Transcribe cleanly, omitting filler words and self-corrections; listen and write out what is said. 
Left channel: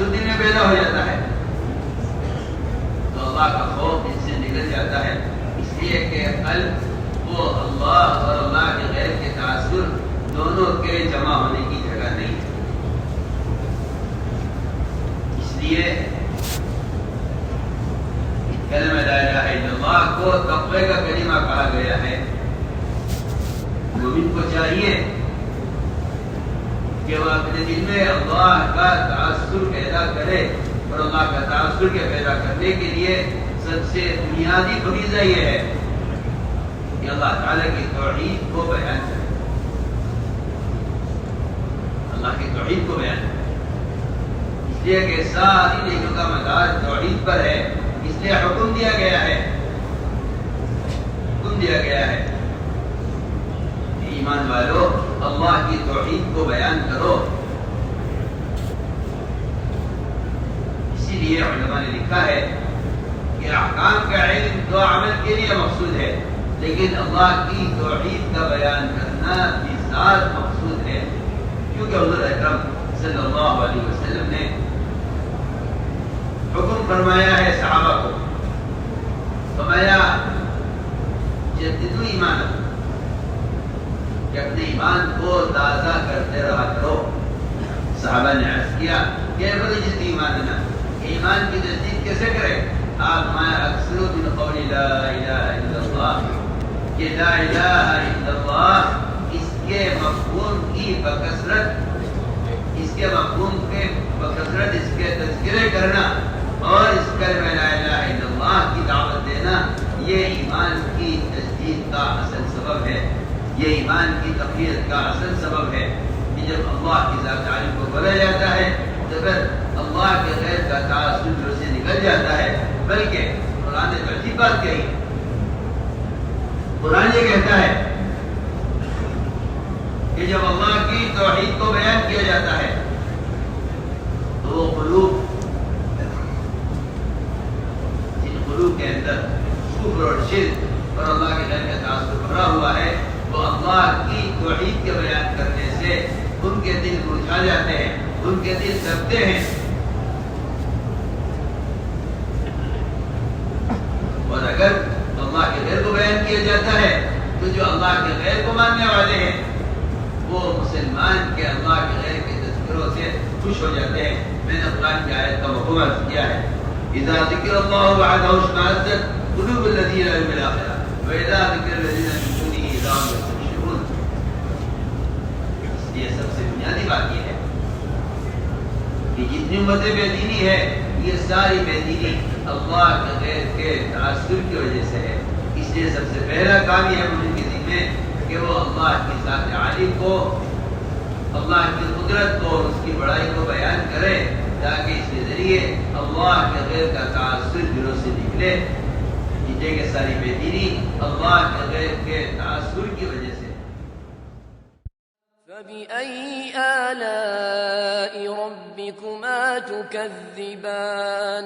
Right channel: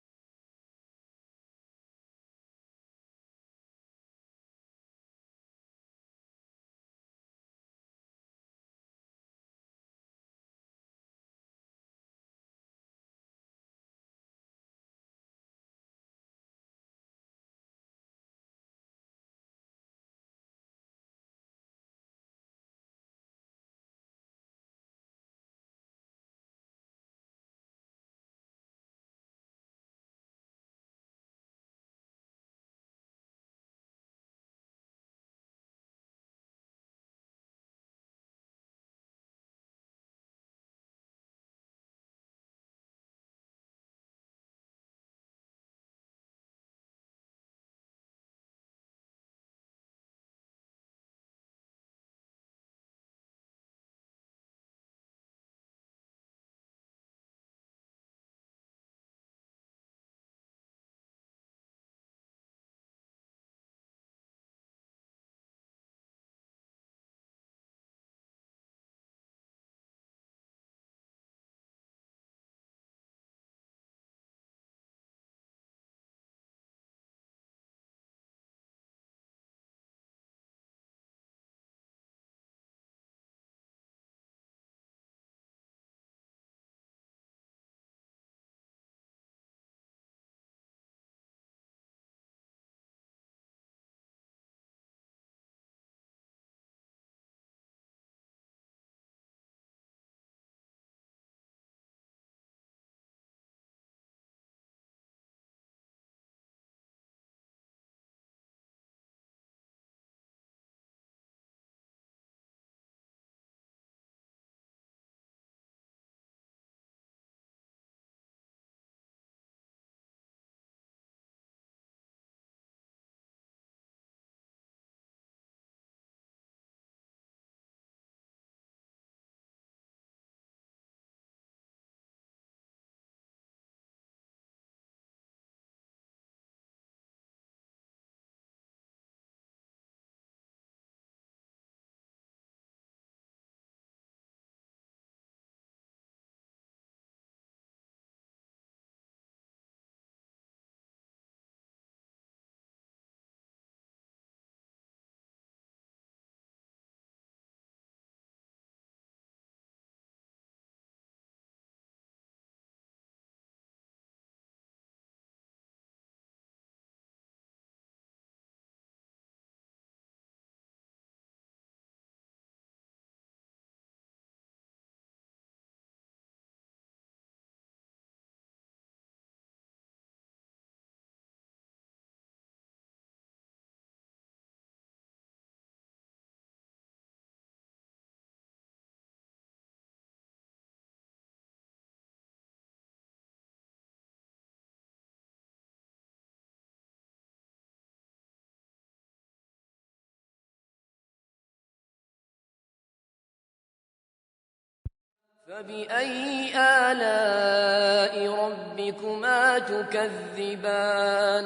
تعصب دل میں پیدا ہو جاتا ہے تو اللہ کا خوف ان سے نکل جاتا ہے، اس لیے کہ قلب وہ اللہ اور اللہ کے غیر کے تعصب دونوں کے جمع ہونے کی جگہ نہیں ہے۔ اس لیے کلمہ لا الہ الا اللہ کو تقوی کا کلمہ کہا گیا ہے۔ مومن کو چاہیے کہ وہ اپنے دل میں اللہ کا تعصب پیدا کرے، اور اللہ کا تعصب کے پیدا کرنے کے لیے سب سے بنیادی فریضہ یہ ہے کہ اللہ تعالیٰ کی توحید کو بیان کرے، اللہ کی توحید کو بیان کرے، اس لیے کہ ساری نیکیوں کا مدار توحید پر ہے، اس لیے حکم دیا گیا ہے، حکم دیا گیا ہے ایمان والو اللہ کی توحید کو بیان کرو۔ اسی لیے علماء نے لکھا ہے کہ احکام کا علم دو عمل کے لیے مقصود ہے، لیکن اللہ کی توحید کا بیان کرنا بھی ذات مقصود ہے، کیونکہ حضور اکرم صلی اللہ علیہ وسلم نے حکم فرمایا ہے صحابہ کو، فرمایا جددوا ایمانکم، کہ اپنے ایمان کو تازہ کرتے رہا کرو۔ صحابہ نے عرض کیا کیف نجدد ایماننا، ایمان کی تجدید کیسے کرے؟ آپ میں اکثر من قول لا الہ الا اللہ، کہ لا الہ الا اللہ اس کے مفہوم کی بکثرت، اس کے مفہوم کے بکثرت اس کے تذکرے کرنا اور اس کلمہ لا الہ الا اللہ کی دعوت دینا، یہ ایمان کی تجدید کا اصل سبب ہے، یہ ایمان کی تقویت کا اصل سبب ہے کہ جب اللہ کی ذات عالم کو بولا جاتا ہے تو پھر اللہ کے غیر کا تعصب دل سے نکل جاتا ہے۔ بلکہ قرآن نے تو عجیب بات کہی، قرآن یہ کہتا ہے کہ جب اللہ کی توحید کو بیان کیا جاتا ہے تو وہ قلوب، جن قلوب کے اندر کفر اور شرک اور اللہ کے غیر کا تعصب بھرا ہوا ہے، وہ اللہ کی توحید کے بیان کرنے سے ان کے دل مرجھا جاتے ہیں، ان کے دل دبتے ہیں، اور اگر اللہ کے غیر کو بیان کیا جاتا ہے تو جو اللہ کے غیر کو ماننے والے ہیں وہ مسلمان کے اللہ کے غیر کے تذکروں سے خوش ہو جاتے ہیں۔ میں نے قرآن کی آیت کا مفہوم عرض کیا ہے، اذا ذکر اللہ وحدہ اشمئزت قلوب الذین لا یؤمنون بالآخرہ واذا ذکر الذین من دونہ اذا هم یستبشرون۔ اس لیے سب سے بنیادی بات یہ ہے کہ جتنی امتیں بے دینی ہے یہ ساری بے دینی اللہ کے غیر کے تعصب کی وجہ سے ہے۔ اس لیے سب سے پہلا کام یہ ہے مومن کے دل میں کہ وہ اللہ کی ذات عالی کو، اللہ کی قدرت کو اور اس کی بڑائی کو بیان کرے، تاکہ اس کے ذریعے اللہ کے غیر کا تعصب دلوں سے نکلے، جتنے کہ ساری بے دینی اللہ کے غیر کے تعصب کی وجہ سے۔ فَبِأَيِّ آلَاءِ رَبِّكُمَا تُكَذِّبَانِ